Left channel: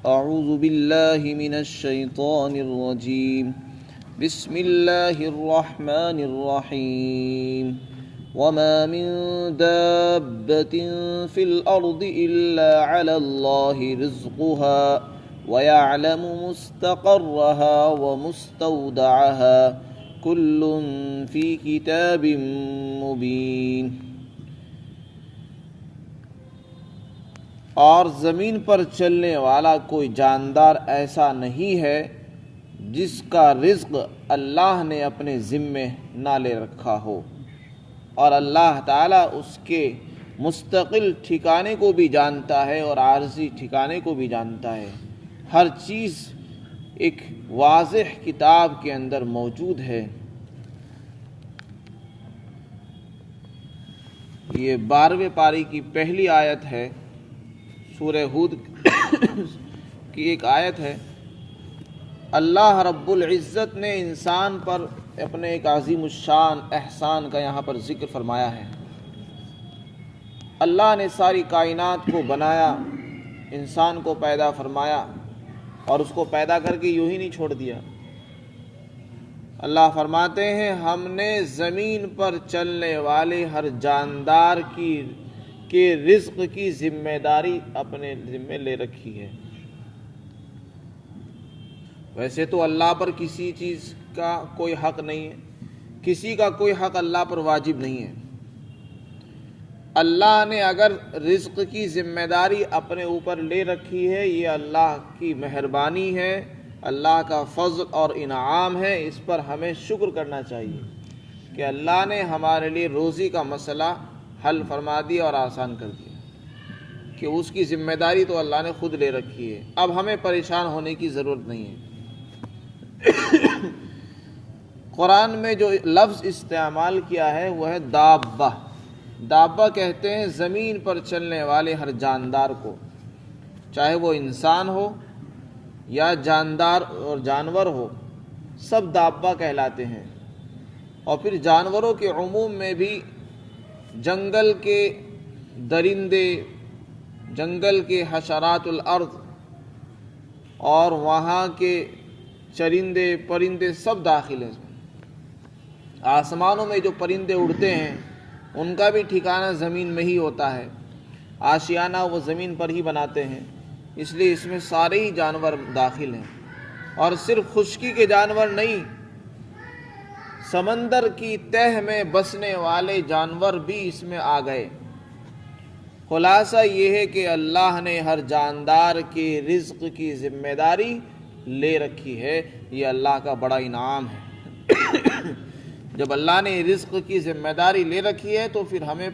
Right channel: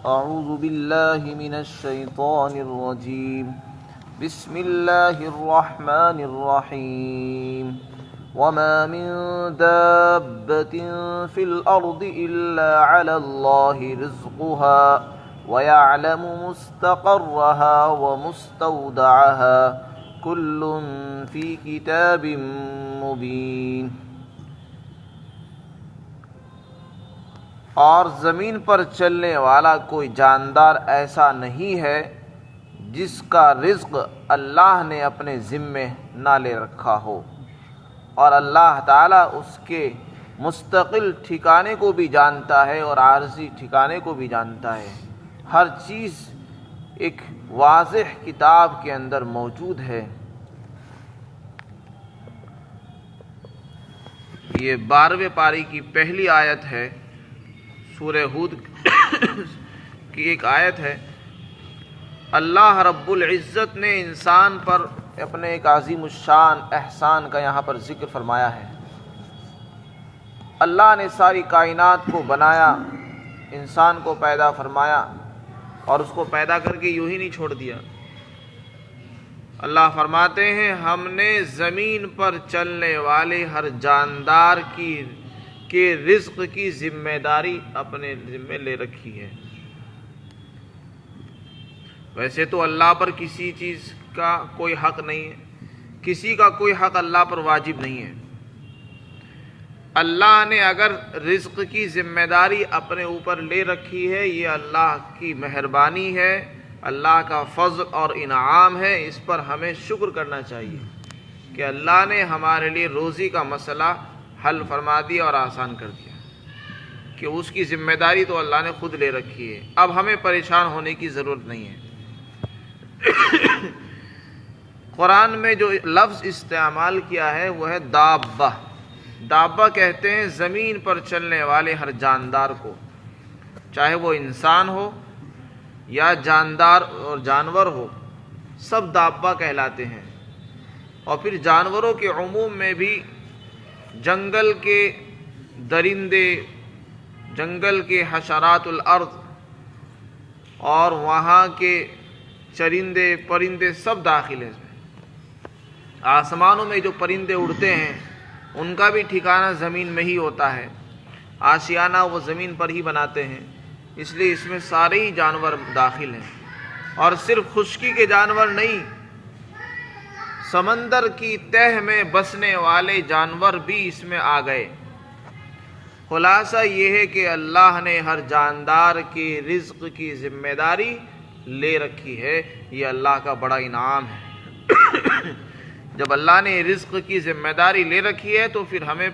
أعوذ بالله من الشيطان الرجيم. بسم الله الرحمن الرحيم. وما من دابة في الأرض إلا على الله رزقها ويعلم مستقرها ومستودعها كل في كتاب مبين. اور زمین پر چلنے والا کوئی جاندار ایسا نہیں ہے جس کا رزق اللہ نے اپنے ذمے نہ لے رکھا ہو، اور اللہ تعالیٰ اس کے مستقل ٹھکانے کو بھی جانتا ہے اور عارضی ٹھکانے کو بھی جانتا ہے. ہر چیز ایک واضح کتاب کے اندر موجود ہے. یہ 12ویں پاری کی پہلی آیت ہے، سورہ ہود کی ایک آیت ہے. اللہ رب العزت نے انسان پر اپنے ایک عظیم الشان احسان کا یہاں پر ذکر فرمایا ہے. اللہ نے ساری کائنات کو بنایا، انسان کو پیدا فرمایا اور اس کو پیدا کر کے یوں ہی نہیں چھوڑ دیا. اللہ فرماتے ہیں ہم نے زمین پر چلنے والے ہر جاندار کے رزق کی ذمہ داری اپنے ذمہ لے رکھی ہے. ویسے تو اللہ پر کسی چیز کا کوئی حق نہیں ہے، کسی کا کوئی حق اللہ پر واجب نہیں ہے. اللہ نے اگر رزق کی ذمہ داری اپنے اوپر لے رکھی ہے، یہ اللہ کی مہربانی ہے، اللہ کا فضل اور انعام ہے. اس پر ہمیں شکر کرنا چاہیے کہ اللہ نے ہمارے لیے روزی کا مسئلہ حل فرما دیا اور آسان کر دیا، کہ اس کی ذمہ داری تو اللہ نے خود لے رکھی ہے. اب ہمیں پریشان ہونے کی ضرورت نہیں ہے. قرآن میں جو لفظ استعمال کیا ہے وہ ہے دابہ. دابہ کہتے ہیں زمین پر چلنے والے ہر جاندار کو، چاہے وہ انسان ہو یا جاندار اور جانور ہو، سب دابہ کہلاتے ہیں. اور پھر جانوروں کے عموم میں بھی جنگل کے درندے، جنگل کے حشرات الارض اور وہاں کے چرندے پرندے سب داخل ہیں. آسمانوں میں جو پرندے اڑتے ہیں ان کا بھی ٹھکانہ زمین میں ہی ہوتا ہے، آشیانہ وہ زمین پر ہی بناتے ہیں، اس لیے اس میں سارے ہی جانور داخل ہیں. اور صرف خشکی کے جانور نہیں، سمندر کی تہ میں بسنے والے جانور بھی اس میں آ گئے. خلاصہ یہ ہے کہ اللہ نے ہر جاندار کے رزق کی ذمہ داری لے رکھی ہے. یہ اللہ کا بڑا انعام ہے. جب اللہ نے رزق کی ذمہ داری لے رکھی ہے تو پھر ہمیں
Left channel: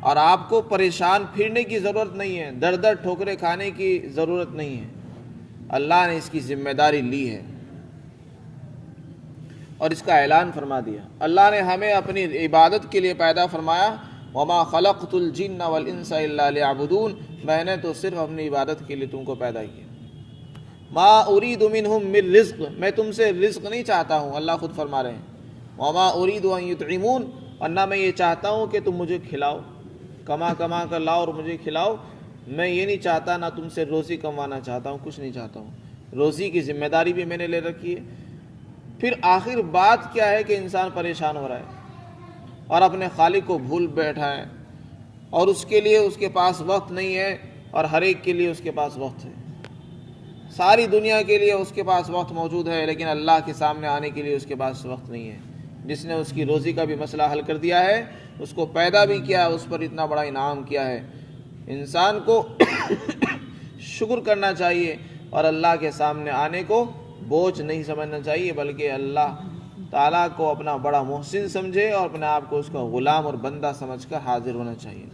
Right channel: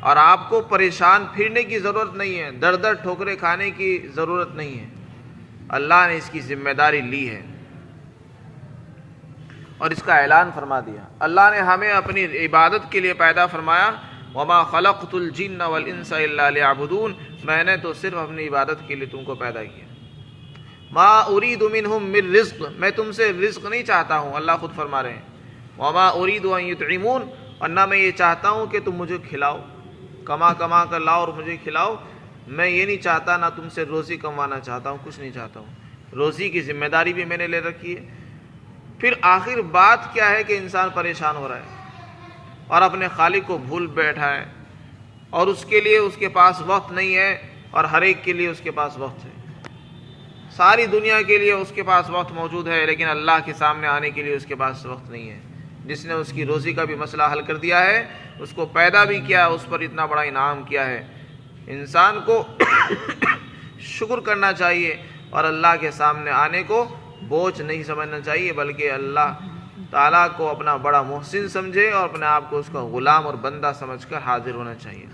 اور آپ کو پریشان پھرنے کی ضرورت نہیں ہے، در در ٹھوکریں کھانے کی ضرورت نہیں ہے. اللہ نے اس کی ذمہ داری لی ہے اور اس کا اعلان فرما دیا. اللہ نے ہمیں اپنی عبادت کے لیے پیدا فرمایا. وما خلقت الجن والانس الا ليعبدون. میں نے تو صرف اپنی عبادت کے لیے تم کو پیدا کیا. ما اريد منهم من رزق. میں تم سے رزق نہیں چاہتا ہوں، اللہ خود فرما رہے ہیں. وما اريد ان يطعمون. اور نہ میں یہ چاہتا ہوں کہ تم مجھے کھلاؤ، کما کما کر لاؤ اور مجھے کھلاؤ. میں یہ نہیں چاہتا، نہ تم سے روزی کموانا چاہتا ہوں، کچھ نہیں چاہتا ہوں. روزی کی ذمہ داری بھی میں نے لے رکھی ہے. پھر آخر بات کیا ہے کہ انسان پریشان ہو رہا ہے اور اپنے خالق کو بھول بیٹھا ہے، اور اس کے لیے اس کے پاس وقت نہیں ہے، اور ہر ایک کے لیے اس کے پاس وقت ہے. ساری دنیا کے لیے اس کے پاس وقت موجود ہے، لیکن اللہ کے سامنے آنے کے لیے اس کے پاس وقت نہیں ہے. جس نے اس کی روزی کا بھی مسئلہ حل کر دیا ہے، اس کو پیدا بھی کیا، اس پر اتنا بڑا انعام کیا ہے. انسان کو شکر کرنا چاہیے اور اللہ کے سامنے آنے کو بوجھ نہیں سمجھنا چاہیے، بلکہ اللہ تعالیٰ کو اپنا بڑا محسن سمجھے اور اپنے آپ کو اس کا غلام اور بندہ سمجھ کر حاضر ہونا چاہیے.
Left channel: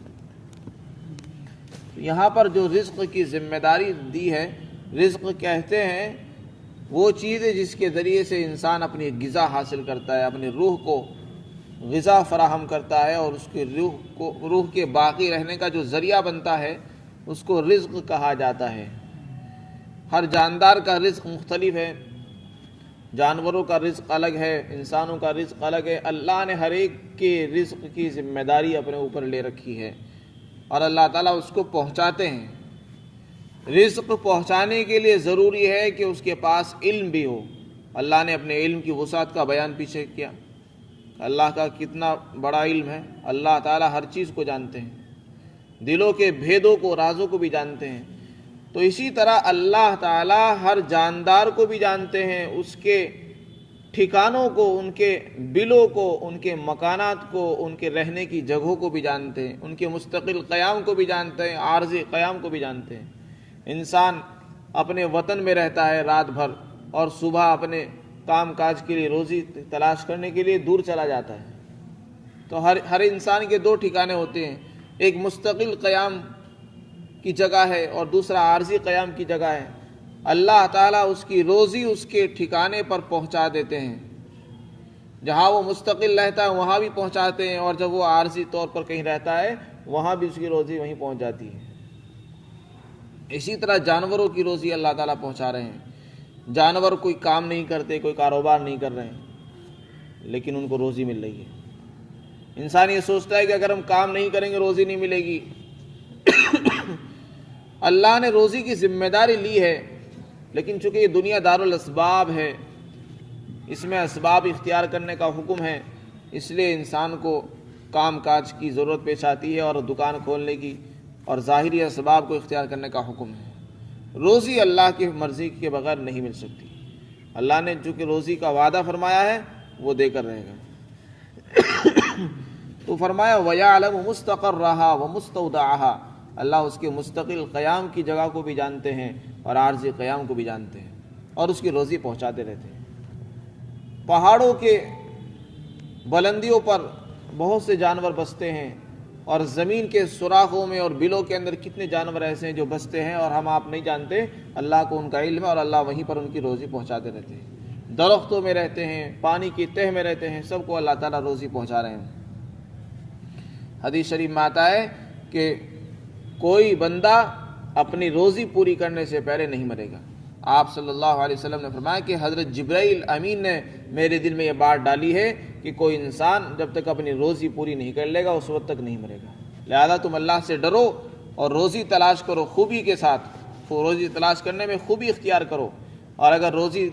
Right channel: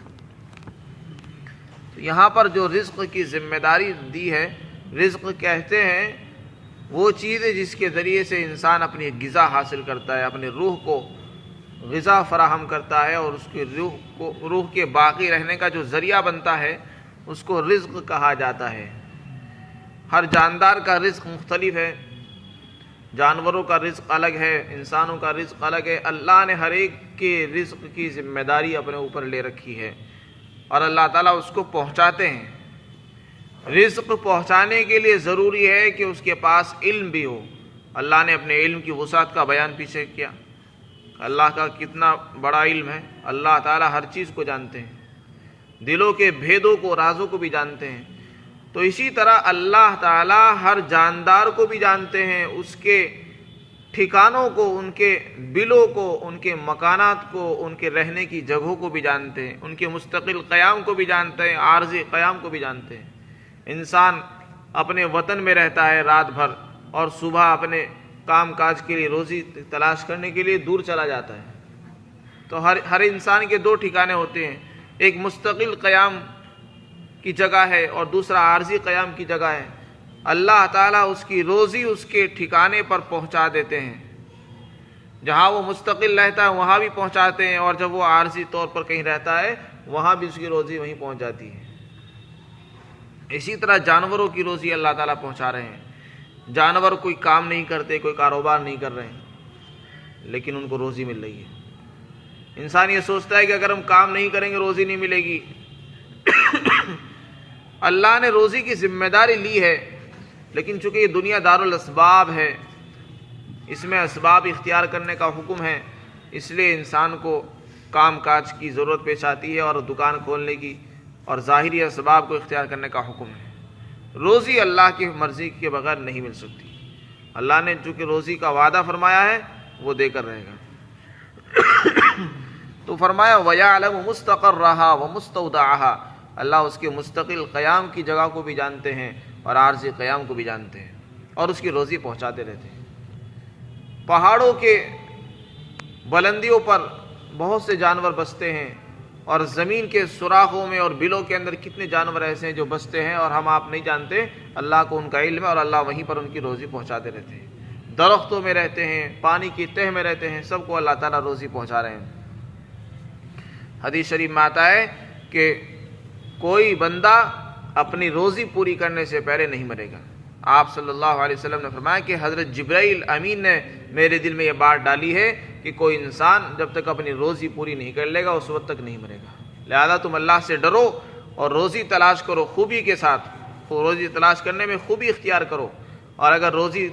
تو یہاں پر جو رزق کی ذمہ داری دی ہے، رزق کہتے ہیں وہ چیز ہے جس کے ذریعے سے انسان اپنی غذا حاصل کرتا ہے، اپنی روح کو غذا فراہم کرتا ہے، اور اس کی روح کے باقی رہنے کا جو ذریعہ بنتا ہے اس کو رزق کہا جاتا ہے. ہر جاندار کا رزق مختلف ہے، جانوروں کا رزق الگ ہے، انسانوں کا رزق الگ ہے. اللہ نے ہر ایک کے رزق کی ذمہ داری اپنے اوپر لے رکھی ہے اور اللہ تعالیٰ اس کو پہنچاتے ہیں. رزق پہنچانے کے لیے ضروری ہے کہ اس کے پاس علم بھی ہو۔ اللہ نے اپنے علم کی وسعت کا بیان پیچھے کیا، اللہ کا کتنا بڑا علم ہے، اللہ تعالی ہر چیز کو جانتے ہیں، دلوں کے بھیدوں کو، رازوں کو بھی جانتے ہیں۔ تو اسی طرح اللہ تعالی ہر جاندار کو بھی جانتے ہیں، اس کے ٹھکانوں کو، ان کے بلوں کو، ان کے مکانات کو، ان کے رہنے کی جگہوں کو بھی جانتے ہیں، ان کے مستقل قیام کو بھی جانتے ہیں، عارضی قیام کو بھی جانتے ہیں۔ انسان اپنے وطن میں رہتا ہے رات بھر اور صبح اپنے کام کاج کے لیے، روزی تلاش کرنے کے لیے دور چلا جاتا ہے۔ تو ہر انسان کے دو ٹھکانے ہوتے ہیں، ایک مستقل قیام کی جگہ ہے اور دوسرا عارضی قیام کی جگہ ہے۔ اللہ تعالیٰ اس کی روزی اس کے ٹھکانے پر پہنچا دیتے ہیں، جہاں وہ مستقل رہتا ہے وہاں بھی پہنچاتے ہیں، اور جب وہ عارضی طور پر کہیں رہتا ہے وہاں بھی اس کی روزی وہیں پہنچ جاتی ہے۔ اسی طرح جانوروں کی روزی اللہ تعالیٰ پہنچا رہے ہیں۔ جانور کوئی کام نہیں کرتے، کوئی کاروبار نہیں کر رہے ہیں، لیکن ان کو روزی مل رہی ہے۔ انسان یہ سوچتا ہے کہ اگر ہم کام نہیں کریں گے روزی نہیں ملے گی۔ اللہ نے روزی کی ذمہ داری لی ہے، لیکن چونکہ یہ دنیا دارالاسباب ہے، اس میں اسباب اختیار کرنے کا حکم ہے، اس لیے انسان کو کام کاج کی ضرورت پیش آتی ہے اور دکان کھولنے کی، اور ظاہری اسباب کو اختیار کرنے کا حکم ہے۔ روزی اللہ کی مرضی کے بغیر نہیں مل سکتی۔ اللہ نے چونکہ روزی کا وعدہ فرمایا ہے وہ دے کر رہے گا۔ تو فرمایا وَيَعْلَمُ مُسْتَقَرَّهَا وَمُسْتَوْدَعَهَا، اللہ اس کے مستقل قیام کی جگہ کو بھی جانتے ہیں اور عارضی قیام کو بھی جانتے ہیں، اور اس کی روزی پہنچاتے رہتے ہیں۔ پہاڑوں کے بلندیوں پر بہت سے جانور بستے ہیں، اور زمین کے سوراخوں میں اور بلوں کے اندر کتنے جانور ایسے ہیں جو بستے ہیں اور ہم آپ نہیں جانتے، اللہ کو ان کا علم ہے، اور اللہ وہیں پر ان کی روزی پہنچاتے رہتے ہیں۔ درختوں میں رہتے ہیں، پانی کی تہ میں رہتے ہیں، سب کو اللہ تعالیٰ روزی پہنچا رہے ہیں۔ حدیث شریف میں آتا ہے کہ کوئی بندہ اپنی روزی پوری کرنے سے پہلے نہیں مرے گا۔ آپ صلی اللہ علیہ وسلم نے فرمایا کہ حضرت جبرائیل امین نے میرے دل میں یہ بات ڈالی ہے کہ کوئی انسان جب تک اپنی روزی پوری نہیں کر لے گا اس وقت تک نہیں مرے گا۔ لہذا تم اللہ سے ڈرو اور روزی تلاش کرو خوبی کے ساتھ، روزی تلاش کرنے میں خوبی اختیار کرو، اور اگر روزی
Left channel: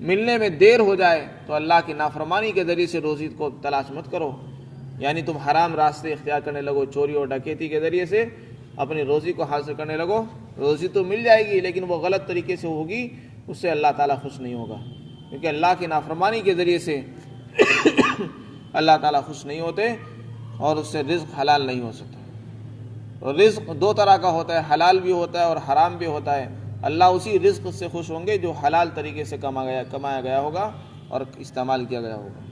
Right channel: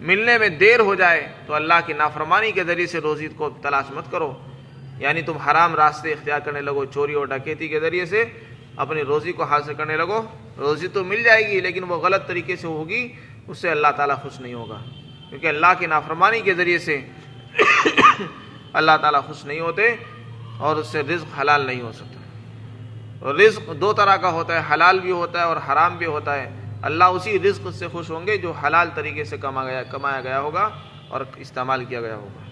ملنے میں دیر ہو جائے تو اللہ کی نافرمانی کے ذریعے سے روزی کو تلاش مت کرو، یعنی تم حرام راستے اختیار کرنے لگو، چوری اور ڈکیتی کے ذریعے سے اپنی روزی کو حاصل کرنے لگو۔ روزی تو مل جائے گی لیکن وہ غلط طریقے سے ہوگی، اس سے اللہ تعالیٰ خوش نہیں ہوگا، کیونکہ اللہ کی نافرمانی کے ذریعے سے اللہ تعالیٰ خوش نہیں ہوتے، اور اس سے رزق حلال نہیں ہو سکتا۔ اور رزق دو طرح کا ہوتا ہے، حلال بھی ہوتا ہے اور حرام بھی ہوتا ہے۔ اللہ اسی رزق سے خوش ہوں گے جو حلال طریقے سے کمایا گیا ہوگا اور استعمال کیا گیا ہوگا۔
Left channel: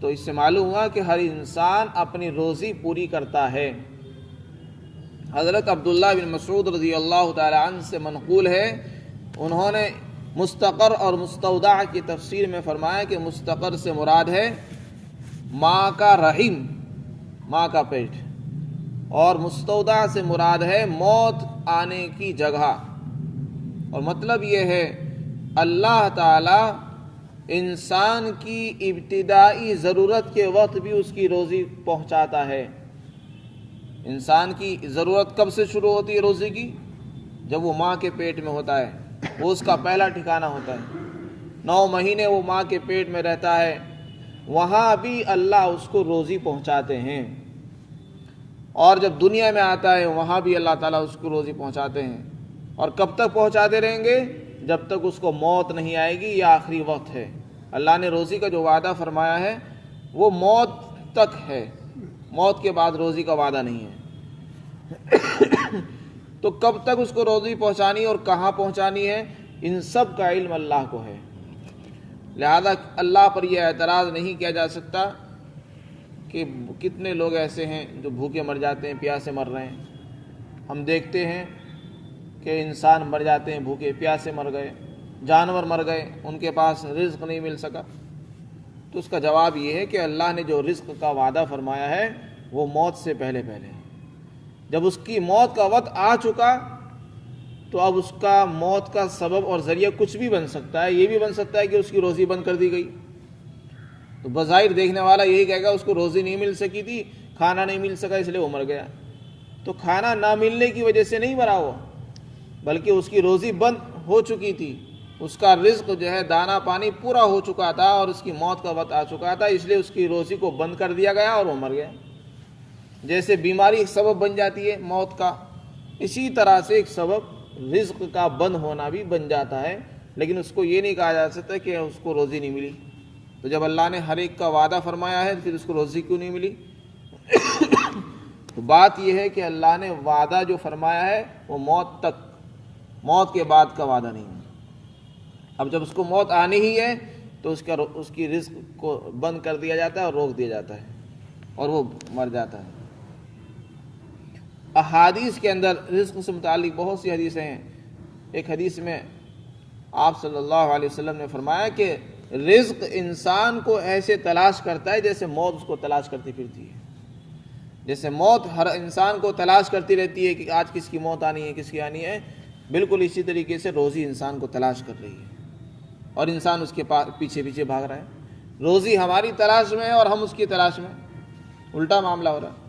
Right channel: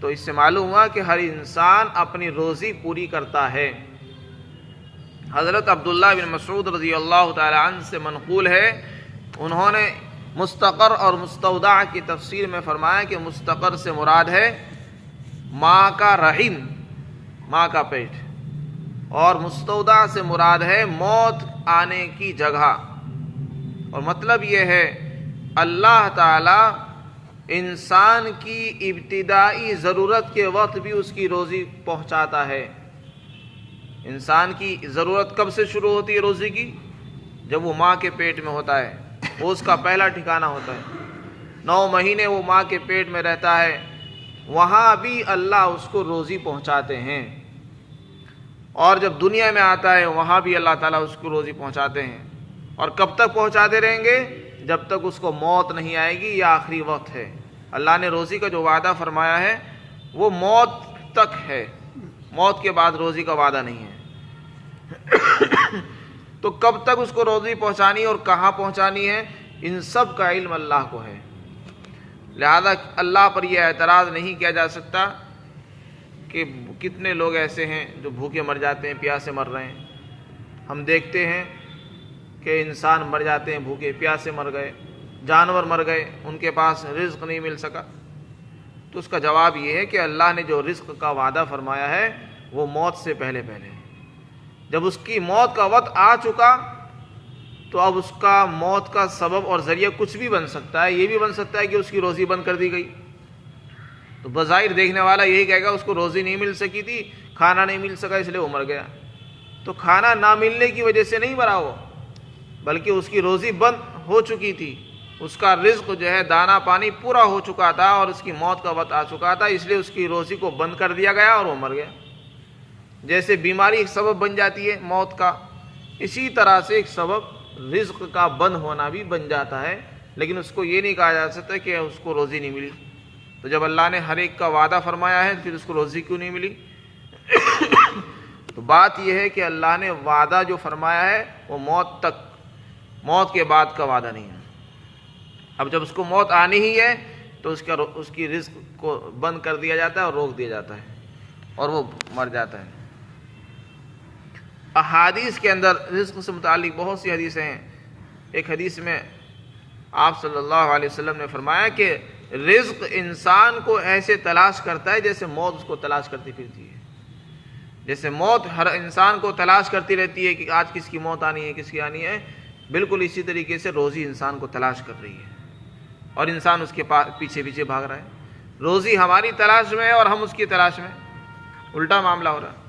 تو اس سے معلوم ہوا کہ ہر انسان اپنی روزی پوری کرتا ہے۔ حضرت عبداللہ بن مسعود رضی اللہ تعالی عنہ سے منقول ہے، انہوں نے مستقر اور مستودع کی تفسیر میں فرمایا کہ مستقر سے مراد ہے ماں کا رحم، ماں کا پیٹ، اور مستودع سے مراد ہے موت آنے کی جگہ۔ اور مطلب یہ ہے اللہ تعالی انسان کی ابتدائی ضرورت کے وقت بھی اس کی روزی پہنچاتا ہے۔ انسان کی ضرورت کب سے شروع ہوتی ہے روزی کی؟ جب وہ ماں کے پیٹ میں ہوتا ہے، وہ اس کا پہلا ٹھکانہ ہوتا ہے۔ 9 مہینے وہ ماں کے پیٹ میں رہتا ہے، وہاں بھی اللہ اس کو روزی پہنچاتے ہیں، اور جب دنیا میں آتا ہے وہاں بھی اللہ تعالیٰ اس کو روزی پہنچاتے ہیں۔ اور کب تک پہنچاتے رہیں گے؟ جب تک اس کو موت نہیں آئے گی یا آخری وقت ہے۔ اللہ نے روزی کا جو وعدہ فرمایا ہے وہ موت تک ہے، موت کے بعد روزی کا وعدہ نہیں ہے۔ تو کب تک اس کو روزی پہنچانی اور کہاں پہنچانی ہے، ان سب کا علم اللہ کو ہے۔ لہذا اللہ پر یہ اعتراض نہیں کیا جا سکتا کہ کتنے لوگ ایسے ہیں جو بھوکے مر جاتے ہیں، پیاسے مر رہے ہیں۔ ہم دیکھتے ہیں کہ انسان مر جاتے ہیں، بھوکے پیاسے مر گئے، جانور مر گئے، ان کے پاس رزق نہیں مل سکا۔ تو اس کا جواب یہ ہے کہ اللہ نے جو رزق کا وعدہ فرمایا ہے وہ موت سے پہلے پہلے، جب اس کی موت کا وقت آ چکا تو اب اس کا موت کا سبب اور ذریعہ کچھ بھی بن سکتا ہے۔ یہ بھی بن سکتا ہے کہ اس کی روزی بند کر دی گئی، تو بظاہر دیکھنے والا یہی کہے گا اس کو روزی نہیں مل سکی تھی، کھانا نہیں مل سکا اس لیے وہ مر گیا۔ تو کھانا نہ ملنے کی وجہ سے نہیں مرا وہ، بلکہ اس کی روزی بند ہو چکی تھی، اس کا رزق جو ہے دانا پانی پورا ہو چکا تھا اور اس کی موت کا وقت آ چکا تھا، اس لیے اس کی روزی کو بند کر دیا گیا اور وہ مر گیا۔ جیسے بیماری ایک سبب بن جاتی ہے موت کا، اسی طرح سے ایک سبب رزق کا بند ہونا بھی بن جاتا ہے، لیکن اس کو یہ نہیں کہا جا سکتا کہ اس کو روزی نہیں ملی۔ تو جب اللہ نے ہر ایک کا وعدہ فرمایا ہے پھر اس کو روزی کیوں نہیں ملی؟ تو بات یہ ہے کہ اللہ نے وعدہ جو فرمایا ہے وہ موت تک، موت کے بعد کا وعدہ نہیں ہے۔ اب جب اس کو موت آنی ہی ہے تو اس کی رزق کو بند کر دیا جاتا ہے اور روک دیا جاتا ہے اور وہ مر جاتا ہے۔ احادیث کے اندر رزق سے متعلق بہت سی حدیثیں ہیں۔ ایک حدیث میں آپ صلی اللہ علیہ وسلم نے فرمایا کہ رزق انسان کو ایسے تلاش کرتا ہے جیسے موت اس کو تلاش کرتی پھرتی ہے۔ جیسے موت ہر انسان کو تلاش کرتی رہتی ہے کہ آج کس کی موت آنی ہے، کس کی آنی ہے، بالکل اسی طریقے سے روزی انسان کو تلاش کر رہی ہے اور انسان اس کے پیچھے پیچھے بھاگ رہا ہے۔ روزی ہماری تلاش میں ہے اور ہم اس کی تلاش میں، الٹا معاملہ ہو رہا ہے۔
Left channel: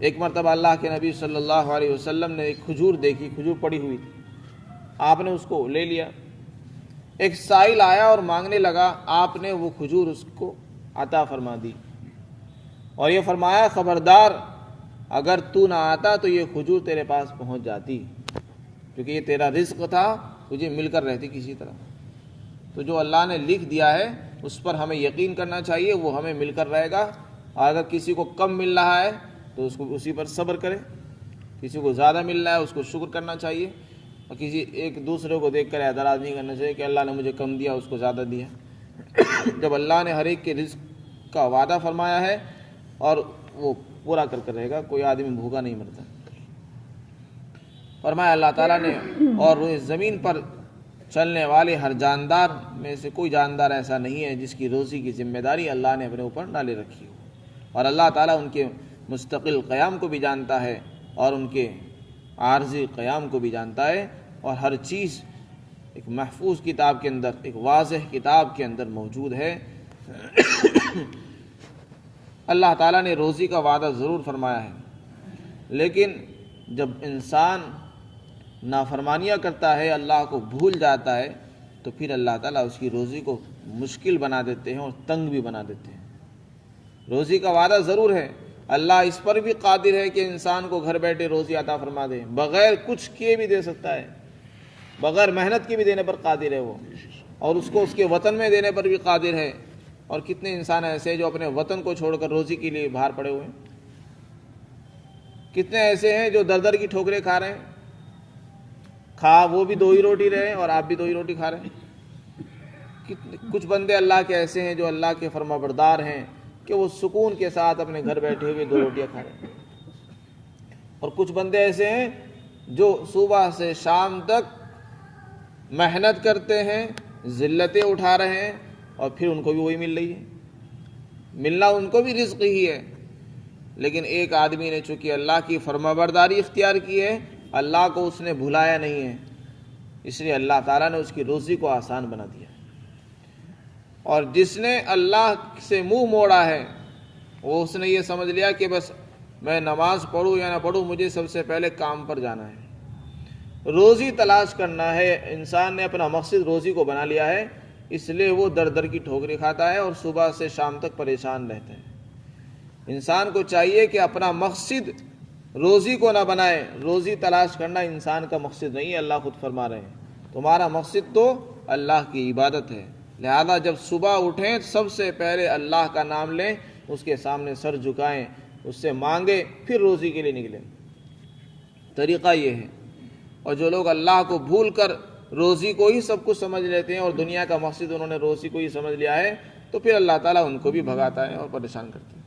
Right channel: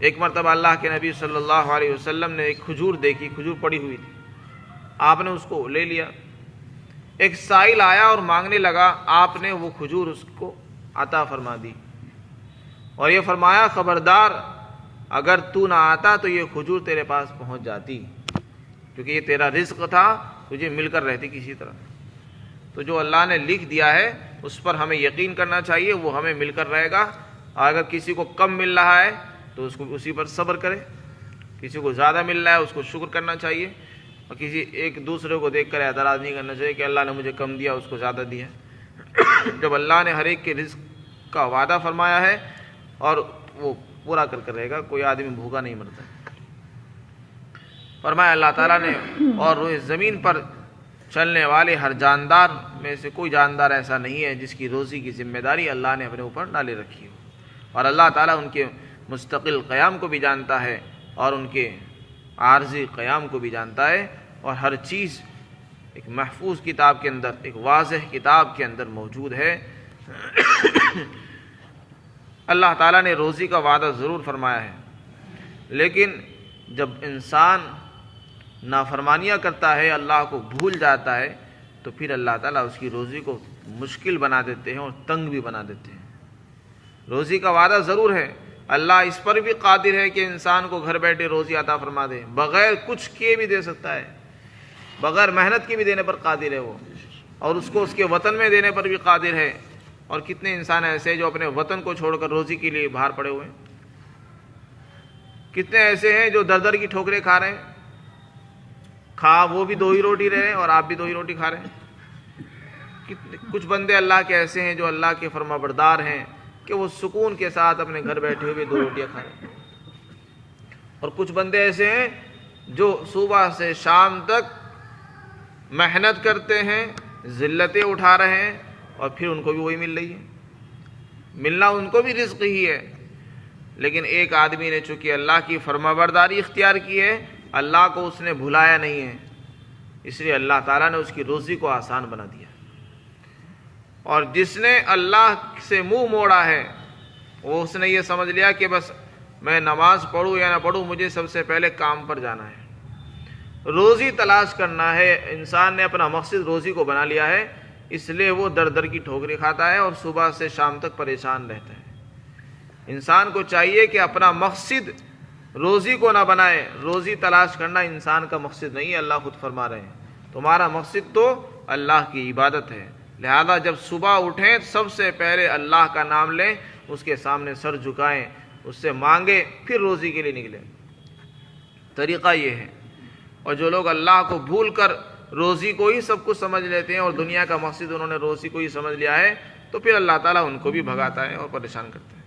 ایک مرتبہ اللہ کے نبی صلی اللہ علیہ وسلم نے ایک کھجور دیکھی، کھجور پڑی ہوئی تھی، آپ نے اس کو لے لیا۔ ایک سائل آیا اور مانگنے لگا، آپ نے وہ کھجور اس کو عطا فرما دی اور یہ فرمایا خبردار اگر تو نہ آتا تو یہ کھجور تیرے پاس پہنچ جاتی، کیونکہ یہ تیرا رزق تھا، تجھے مل کر رہتی کسی طرح۔ تو جو اللہ نے لکھ دیا ہے اس پر ہمیں یقین کرنا چاہیے، وہ ہمیں مل کر رہے گا۔ اگر کسی کو کم مل رہا ہے تو اس کو اسی پر صبر کرے، کسی کو زیادہ مل رہا ہے اس کو شکر کرنا چاہیے، اور کسی ایک دوسرے کو دیکھ کر اعتراض نہیں کرنا چاہیے کہ اللہ نے مجھے کم دیا اس کو زیادہ دیا۔ جب اللہ نے ہر ایک کے رزق کا وعدہ فرمایا ہے اور وہ پورا کر کر رہے گا، کوئی آدمی بھوکا نہیں مرتا۔ فرمایا اللہ تعالیٰ نے، اور روئے زمین پر چلنے والے ہر جاندار میں سے کوئی جاندار ایسا نہیں ہے جس کی روزی کی ذمہ داری اللہ نے اپنے اوپر نہ لے رکھی ہو، اور اللہ تعالیٰ ان کے مستقل قیام کو بھی جانتا ہے اور ان کے عارضی قیام کو بھی جانتا ہے، اور ہر چیز ایک محفوظ کتاب کے اندر، ایک واضح کتاب کے اندر موجود ہے۔ اللہ تعالیٰ نے روزی کا وعدہ ضرور فرمایا ہے، لیکن جب انسان نافرمانیاں کرتا ہے، اللہ کو بھول جاتا ہے، تو پھر اللہ تعالیٰ اس کی روزی کو مشکل بنا دیتے ہیں اور تنگ بھی بنا دیتے ہیں۔ روزی کا وعدہ ضرور ہے، اللہ اس پر بھی قادر ہے کہ انسان کو گھر بیٹھے روزی عطا فرما دے، بغیر کچھ کیے بھی دے سکتا ہے، بغیر محنت کے بھی دینے پر قادر ہے وہ، اور اس کو اس کے وطن میں دینے پر بھی قادر ہے۔ اور کتنے انسان ایسے ہیں جو اپنے وطن کو چھوڑ کر روزی کے لیے باہر پڑے ہوئے ہیں، کتنے ایسے ہیں جو در در کی ٹھوکریں کھا رہے ہیں، کھا وہ بھی 2 ہی روٹی رہے اور آپ بھی 2 ہی روٹی کھا رہے ہیں۔ کچھ بندے اللہ کے ایسے ہیں جو اللہ کے فرما بردار ہیں کہ وہ سکون کے ساتھ اپنے گھر بیٹھے ہوئے 2 روٹیاں کھا رہے ہیں، اور کچھ بندے ایسے ہیں جو صبح سے شام تک محنت کرتے ہیں، ذلتیں اٹھا رہے ہیں، اور پھر ان کو بھی وہی مل رہی ہے، ملنا ان کو بھی رزق ہی ہے۔ لیکن ایک آدمی نے چونکہ اللہ کی فرما برداری اختیار کی ہے، اللہ کو اس نے بھلایا نہیں ہے، اس لیے اللہ تعالیٰ نے اس کی روزی کو آسان بنا دیا۔ اور جس نے اللہ سے منہ موڑا ہے، وہ اس نے یہ سمجھ لیا کہ بس میں نماز پڑھوں یا نہ پڑھوں، مجھے سب سے پہلے کام پر جانا ہے، روزی تلاش کرنا ہے۔ انسان نے اپنا مقصد روزی کو بنا لیا ہے، اس لیے وہ در در کی ٹھوکریں کھاتا ہے اور صبح سے شام تک پریشان رہتا ہے۔ انسان کو چاہیے کہ اپنا مقصد روزی کو نہ بنائے، روزی تلاش کرنا انسان کا مقصد نہیں ہے۔ اللہ خود فرما رہے ہیں تمہارا مقصد تو اللہ کی عبادت ہے، لہذا جب صبح اٹھیں سب سے پہلے اللہ کا نام لیں، اس کے سامنے سر جھکائیں، اس سے مانگیں، پھر روزی کے لیے نکلیں۔ طریقہ یہ ہے۔ اور جو لوگ اللہ کو بھول کر روزی کو ہی سب کچھ سمجھ لیتے ہیں اور دنیا کا مقصد انہوں نے روزی کو ہی سمجھ لیا ہے، تو پھر اللہ تعالیٰ ان کو بھی بھگاتا ہے اور پریشان کرتا ہے۔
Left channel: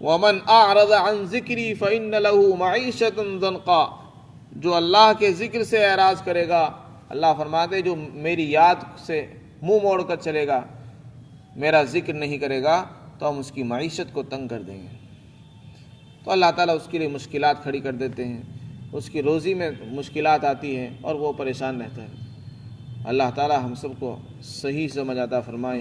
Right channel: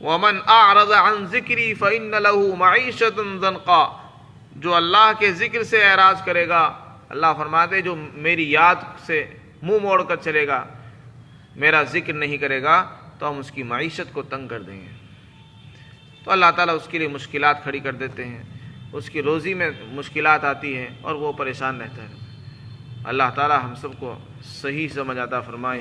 وَمَنْ أَعْرَضَ عَنْ ذِكْرِي فَإِنَّ لَهُ مَعِيشَةً ضَنْقًا، جو اللہ کے ذکر سے اعراض کرے گا، اللہ فرماتے جو میری یاد سے منہ موڑ کر چلے گا، میرا ذکر نہیں کرے گا، تو ہم اس کی معیشت کو تنگ کر دیں گے۔ تو اللہ تعالیٰ اس کے لیے مشکلات کھڑی کر دیتے ہیں، اس کی روزی میں مشکلات آتی ہیں اور وہ پریشان رہتا ہے۔ اللہ تعالیٰ ہم سب کو صحیح سمجھ عطا فرمائے۔